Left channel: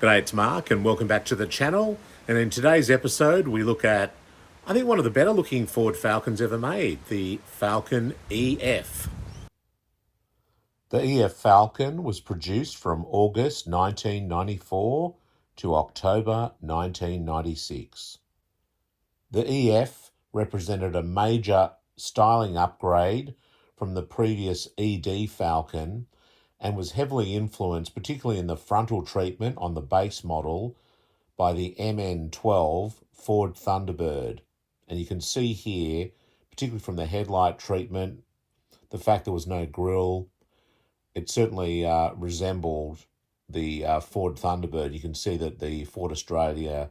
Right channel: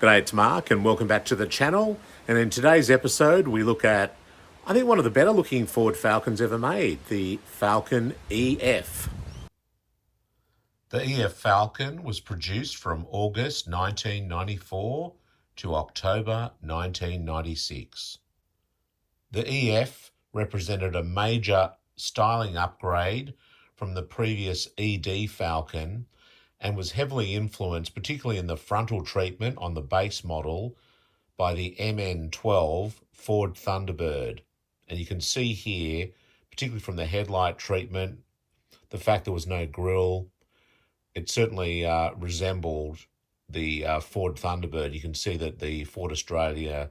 G'day, it's Mark and welcome back to the channel. And in today's episode, we look at, I think, one of the better looking Ford Falcons ever made, the Falcon EF. The EF Falcon was produced from August 1994 to October 1996. The EF represented a major styling upgrade from the previous ED Falcon and was heavily influenced, particularly in the frontal treatment on the base model, by the MN12 Ford Thunderbird. And you can see here, particularly from the headlight treatment, the fact there was no grille, it certainly resembled the Ford Thunderbird. You can see that the Ford Australia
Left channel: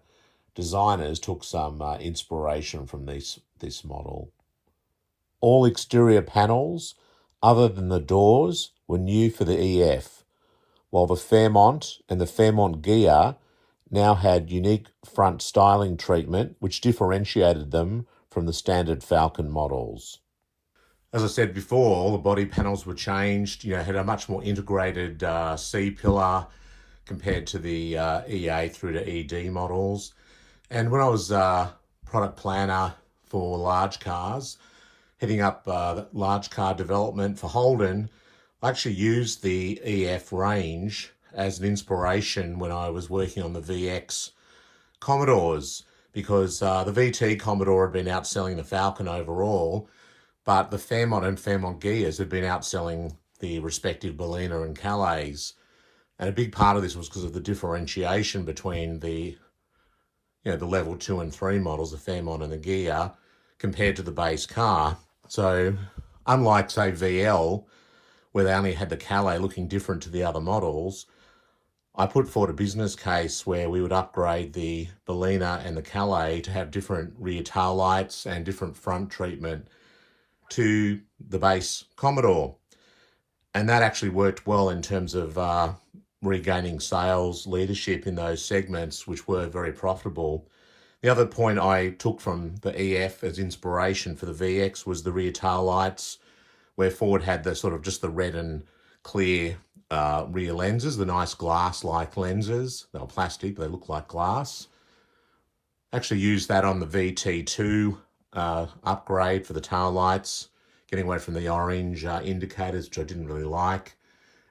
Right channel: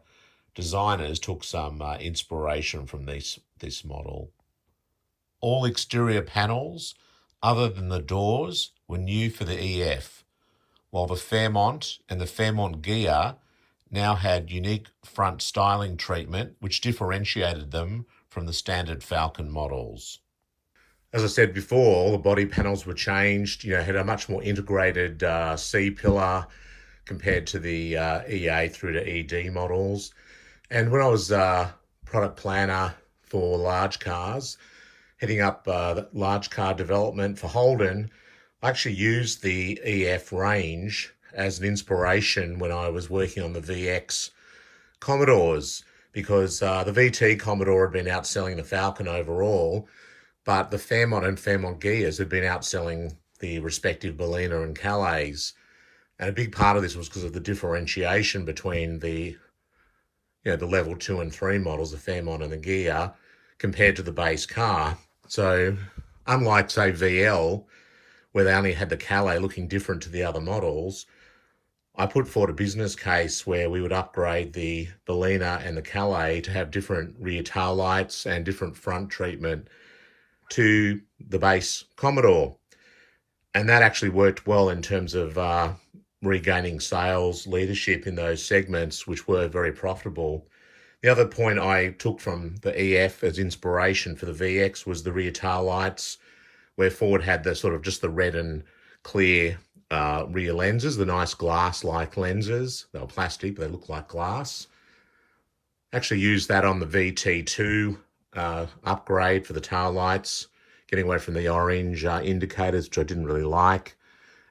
designers took some inspiration from this model. All exterior panels, other than the doors, were new for the EF, while the Fairmont and the Fairmont Ghia now had unique front styling treatment which differentiated them from the standard Falcon models. As I said before, all the body panels were changed, had a much more integrated C-pillar compared to the EA through to ED models. And when I was product planner for large cars, heading up large car development for Holden, I actually used the EF range as an inspiration when I was working on the VX Commodores, because the VT Commodore had been outselling the Falcon overall, but the Fairmont and Fairmont Ghias had been outselling the respective Bellina and Calais. And a big part of this was because of the differentiation between the level 2 and 3 models, the Fairmont and the Ghia, compared to the base car. So unlike, say, VL, where they only had the Calais looking different to the other models, I put forward a business case where we would upgrade the Bellina and the Calais to have different rear tail lights and different front treatment to the base Commodore. And that actually worked well in terms of regaining sales leadership in those segments, which were very profitable. The other point I took from the EF as inspiration for the VX was the rear tail lights, where Ford had the sort of just the red and clear rear lenses, the nice glass-like lenses. They were plastic, but they look like glass. Actually used that on the VT2 upgrade for the tail lights, getting away from the orange indicators, which I didn't really like.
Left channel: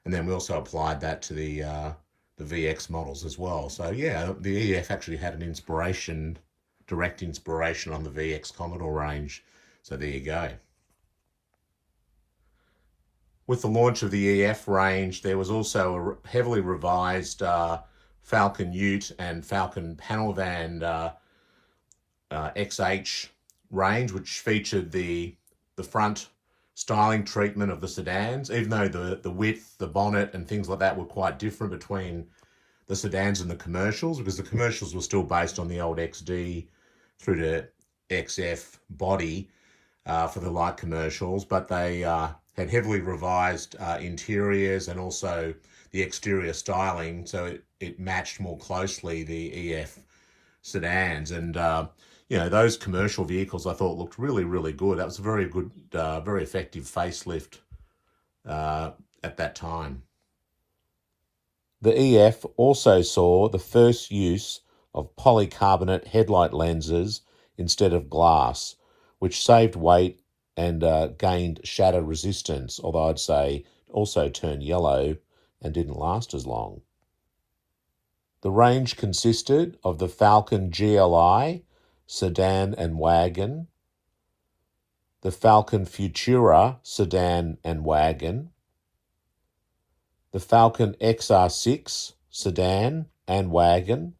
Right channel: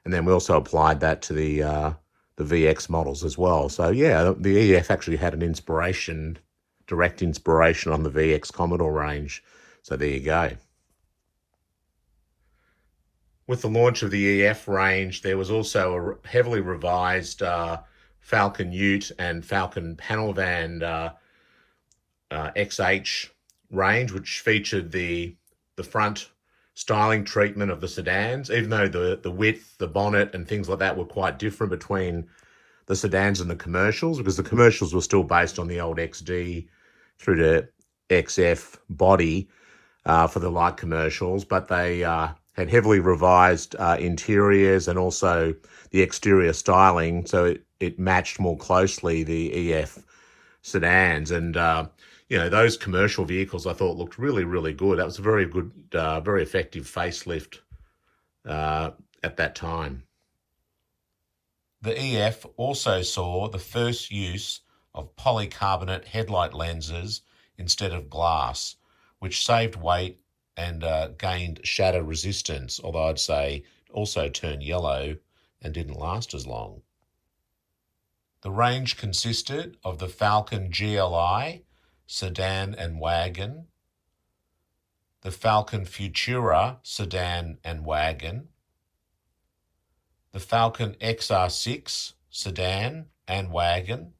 And then we also applied that to the VX models as well. So yeah, the EF actually had an direct inspiration on the VX Commodore range. So there you go. With the launch of the EF range, there was also a heavily revised Falcon Ute and Falcon Panel Van XH range, which featured the front styling treatment of the sedans, even though the width, the bonnet and things like that were quite different between the sedans and the commercials, because the commercials were still based on the old XD through to XF body for the light commercials, but they had heavily revised interiors and also the exterior styling, so it matched more closely the EF sedans. And those commercial vehicles I thought looked really, really good. That was a very good, very effective facelift at that time. The EF also saw the first use of polycarbonate headlight lenses instead of glass, which saved weight and gained shatter resistance, although I'd say also turned yellow and didn't last as long. The range consisted of the Falcon GLI, sedan and wagon, the Falcon Futura, sedan and wagon, the Falcon XR6, sedan and wagon,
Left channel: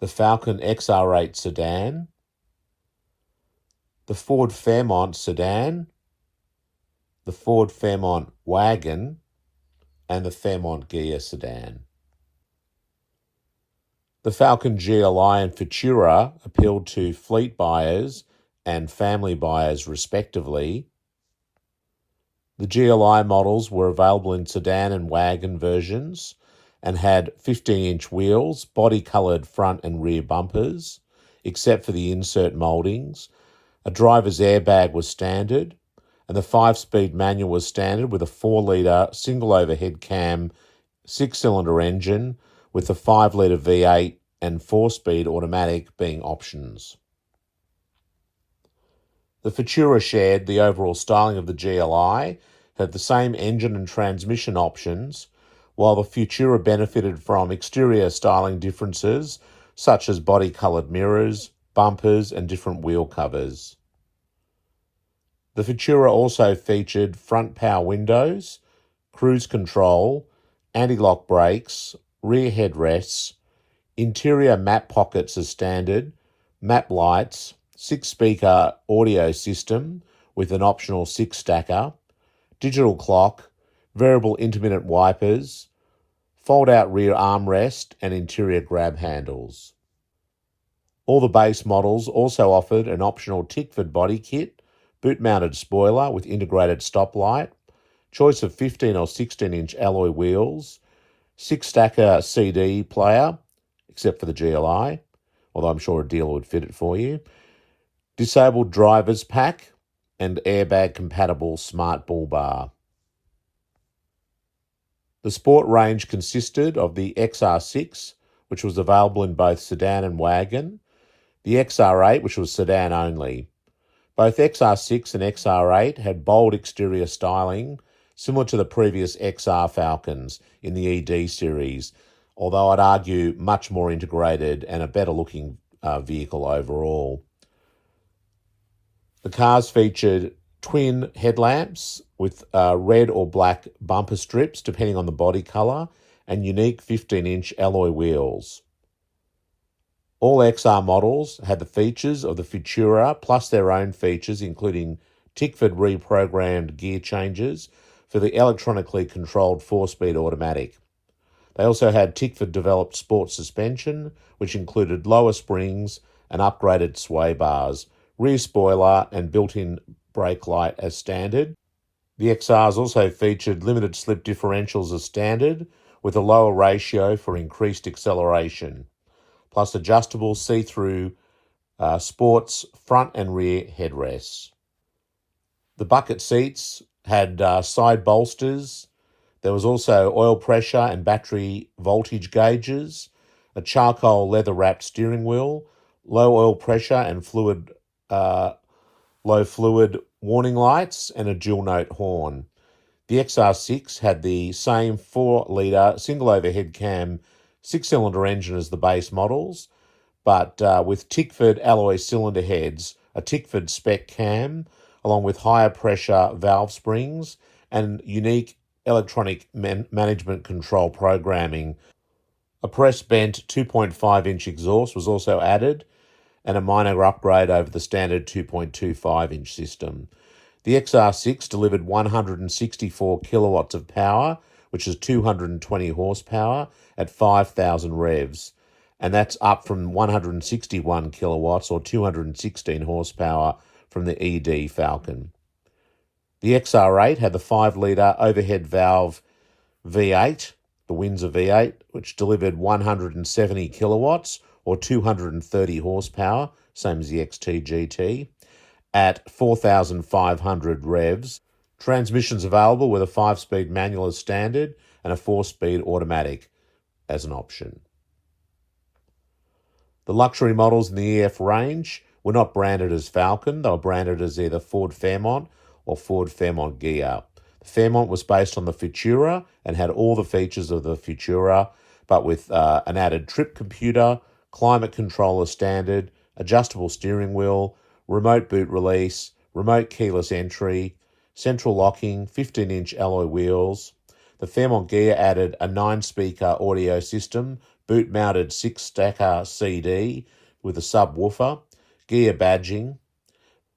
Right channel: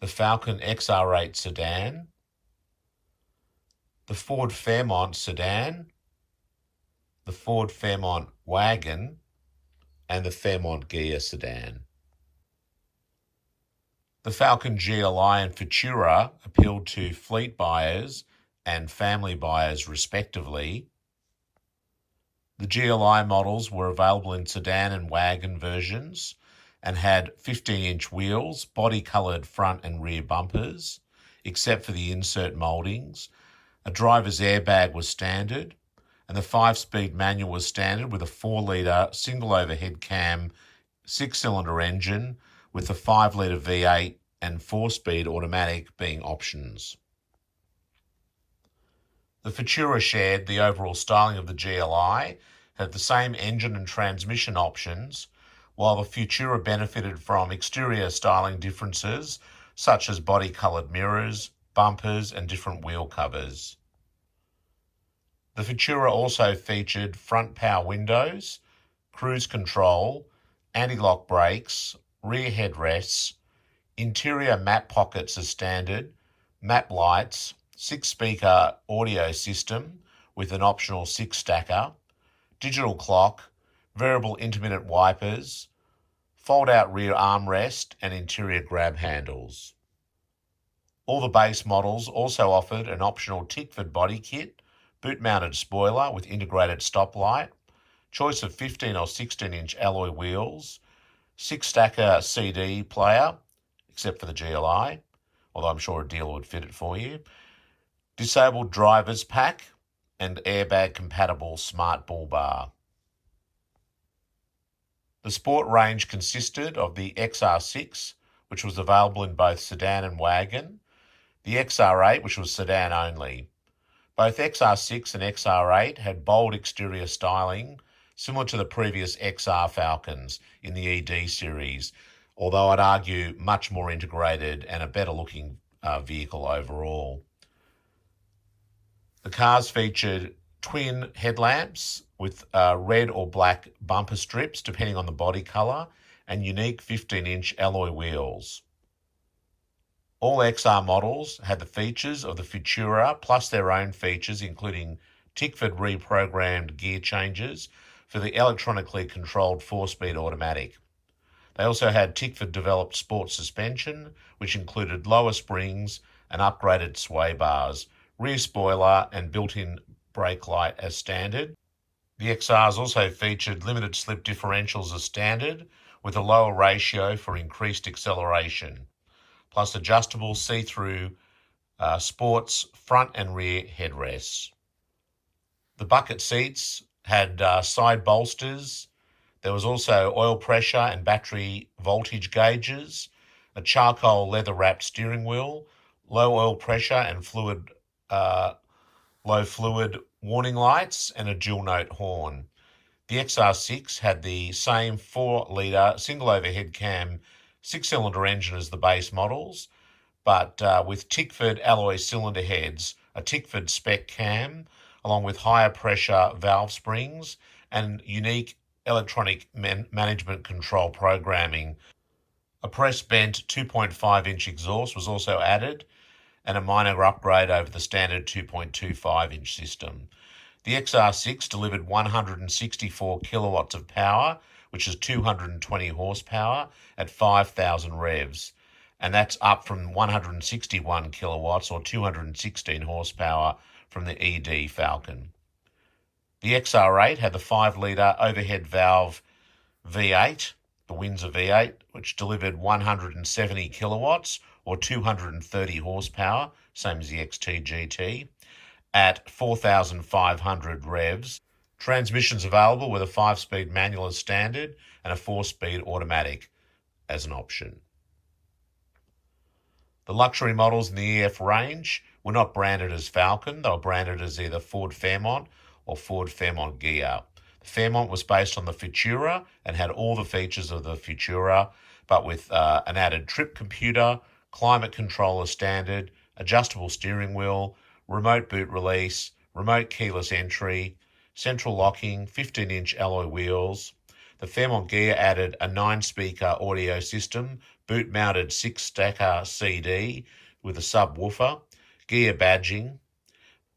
the Falcon XR8 sedan, the Ford Fairmont sedan, the Ford Fairmont wagon, and the Fairmont Ghia sedan. The Falcon GLI and Futura appealed to fleet buyers and family buyers respectively. The GLI models were available in sedan and wagon versions and had 15-inch wheels, body-coloured front and rear bumpers, except for the insert mouldings. A driver's airbag was standard, and the 5-speed manual was standard with a 4-litre single overhead cam 6-cylinder engine with the 5-litre V8 and 4-speed automatic being options. The Futura shared the overall styling of the GLI, had the same engine and transmission options, while the Futura benefited from exterior styling differences such as body-coloured mirrors, bumpers and different wheel covers. The Futura also featured front power windows, cruise control, anti-lock brakes, rear headrests, interior map pockets as standard, map lights, 6-speaker audio system with an optional 6-stacker, digital clock, variable intermittent wipers, fold-out rear armrest and interior grab handles. All the base models also offered an optional Tickford body kit, boot-mounted spoiler with integrated stoplight, choice of 15 or 16-inch alloy wheels, 6-stacker CD player, except for the GLI, although I'm sure a dealer would fit it for you, disabled driver's pack, and airbag-compatible smart bull bar. The sport range consisted of the XR6, which was available in both sedan and wagon, the XR8, which was sedan only. Both XR6 and XR8 had bold exterior styling, similar to the previous XR Falcons in the ED series, although I'd argue much more integrated and a better-looking vehicle overall. The cars featured twin headlamps with red or black bumper strips, depending on the body colour, and unique 15-inch alloy wheels. All XR models had the features of the Futura, plus their own features, including Tickford reprogrammed gear changes for the electronically controlled 4-speed automatic. They also had Tickford-developed sport suspension, which included lower springs and upgraded sway bars, rear spoiler and built-in brake light as standard. The XRs also featured limited slip differentials as standard, with a lower ratio for increased acceleration, plus adjustable see-through sports front and rear headrests. The bucket seats had side bolsters. There was also oil pressure and battery voltage gauges, a charcoal leather-wrapped steering wheel, low oil pressure and low fluid warning lights, and a dual-note horn. The XR6 had the same 4-litre single overhead cam 6-cylinder engine as the base models, but with Tickford alloy cylinder heads, a Tickford spec cam, along with higher pressure valve springs and unique electronic management control programming. A press-bent 2.5-inch exhaust was also added, and a minor upgrade over the standard 2.25-inch system. The XR6 delivered 164 kilowatts of power, which is 220 horsepower at 5,000 revs, and that's up from 161 kilowatts or 216 horsepower from the ED Falcon. The XR8 had the 5-litre overhead valve V8, the Windsor V8, which delivered 170 kilowatts or 230 horsepower, same as the XT GT, at 4,500 revs. Transmissions available with a 5-speed manual as standard and a 4-speed automatic as an option. The luxury models in the EF range were not branded as Falcon. They were branded as either Ford Fairmont or Ford Fairmont Ghia. The Fairmont was based on the Futura and had all the features of the Futura, but with an added trip computer, climate controller standard, adjustable steering wheel, remote boot release, remote keyless entry, central locking, 15-inch alloy wheels. The Fairmont Ghia added a 9-speaker audio system, boot-mounted 6-stacker CD with a subwoofer, Ghia badging.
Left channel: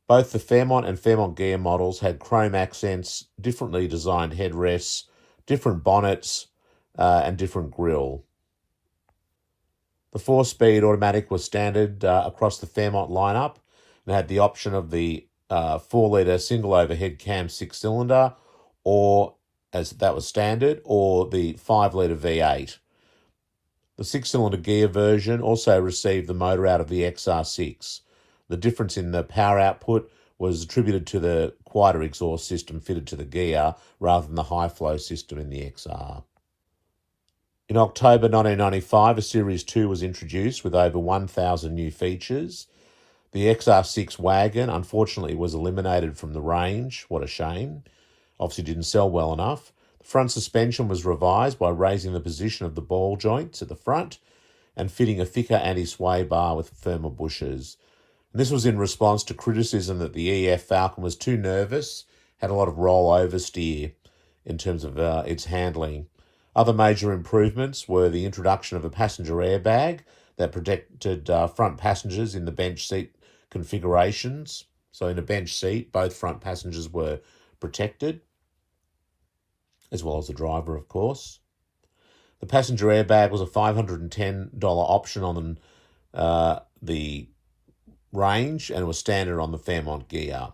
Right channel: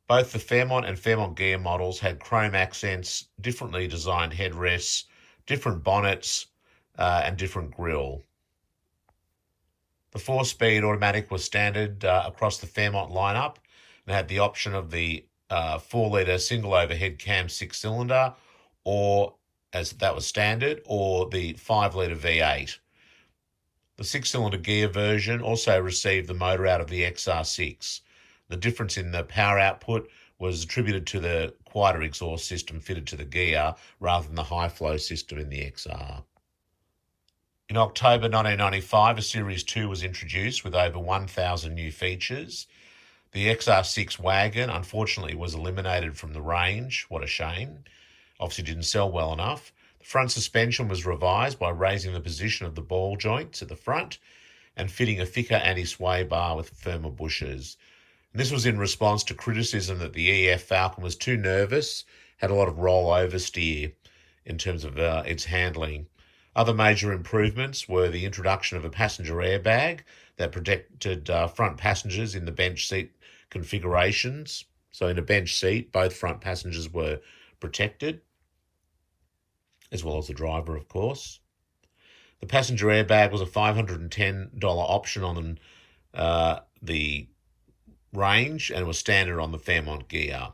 Both the Fairmont and Fairmont Ghia models had chrome accents, differently designed headrests, different bonnets, and different grille. The 4-speed automatic was standard across the Fairmont lineup and had the option of the 4-litre single overhead cam 6-cylinder, or as that was standard, or the 5-litre V8. The 6-cylinder Ghia version also received the motor out of the XR6. The difference in the power output was attributed to the quieter exhaust system fitted to the Ghia rather than the high-flow system in the XR. In October 1995, a Series 2 was introduced with over 1,000 new features. The XR6 wagon, unfortunately, was eliminated from the range. What a shame. Obviously didn't sell well enough. The front suspension was revised by raising the position of the ball joints at the front and fitting a thicker anti-sway bar with firmer bushings. And this was in response to criticism that the EF Falcon was too nervous, had a lot of roll-over steer in terms of its handling. Other major improvements were the introduction of a passenger airbag that protected front passengers in the bench seat configurations. So in a bench seat, both front passengers were protected, as well as the driver, of course. The passenger airbag was a $510 option on the range, and it was standard on the Fairmont gear.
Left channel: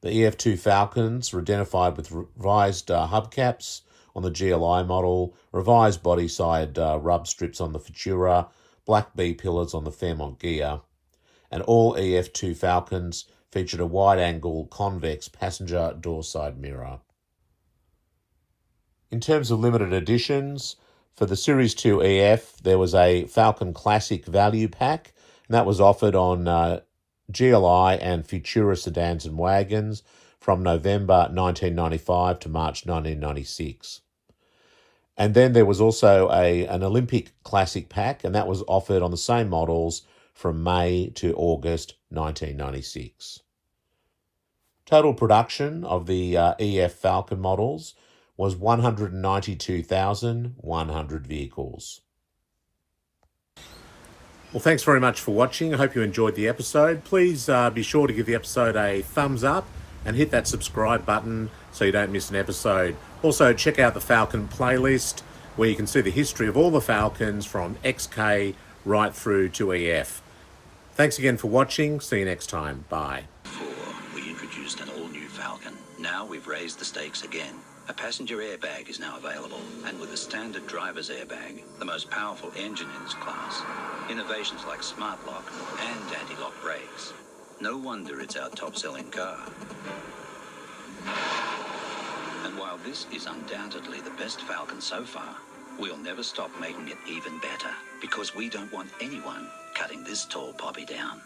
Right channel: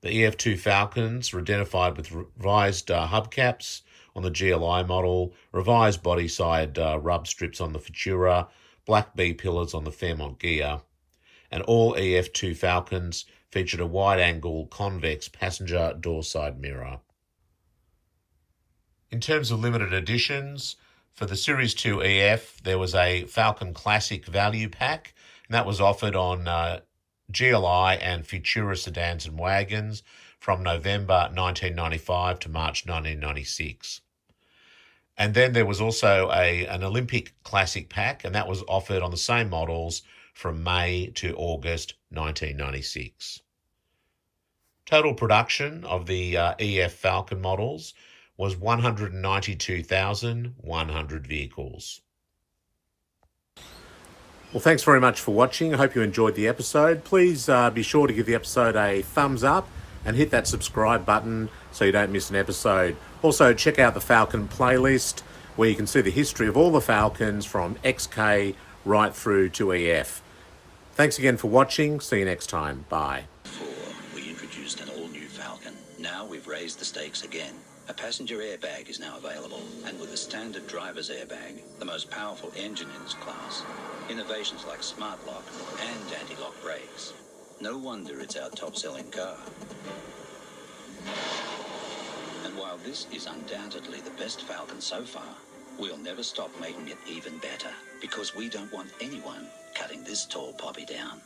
The EF2 Falcons were identified with revised hubcaps on the GLI model, revised body side rub strips on the Futura, black B-pillars on the Fairmont gear, and all EF2 Falcons featured a wide-angle convex passenger door side mirror. In terms of limited editions, for the Series 2 EF, there was a Falcon Classic Value Pack, and that was offered on GLI and Futura sedans and wagons from November 1995 to March 1996. And then there was also an Olympic Classic Pack, and that was offered on the same models from May to August 1996. Total production of the EF Falcon models was 192,100 vehicles. Well, thanks very much for watching. I hope you enjoyed the episode. Please be sure to give the episode a thumbs up and hit that subscribe button so you don't miss an episode. Also, check out the Falcon playlist where you can see the history of all the Falcons from XK right through to EF. Thanks again for watching. See you next time. Bye. We introduced an all-new Falcon. Now we've raised the stakes again. A passenger airbag is now available, and with a standard driver's airbag, the most powerful engine in its class. Innovations like smart lock and anti-lock brakes. No wonder it's our top-selling car. And while this is undoubtedly the best Falcon so far, we'll never stop making it even better, because we don't want anyone cutting this tall poppy down.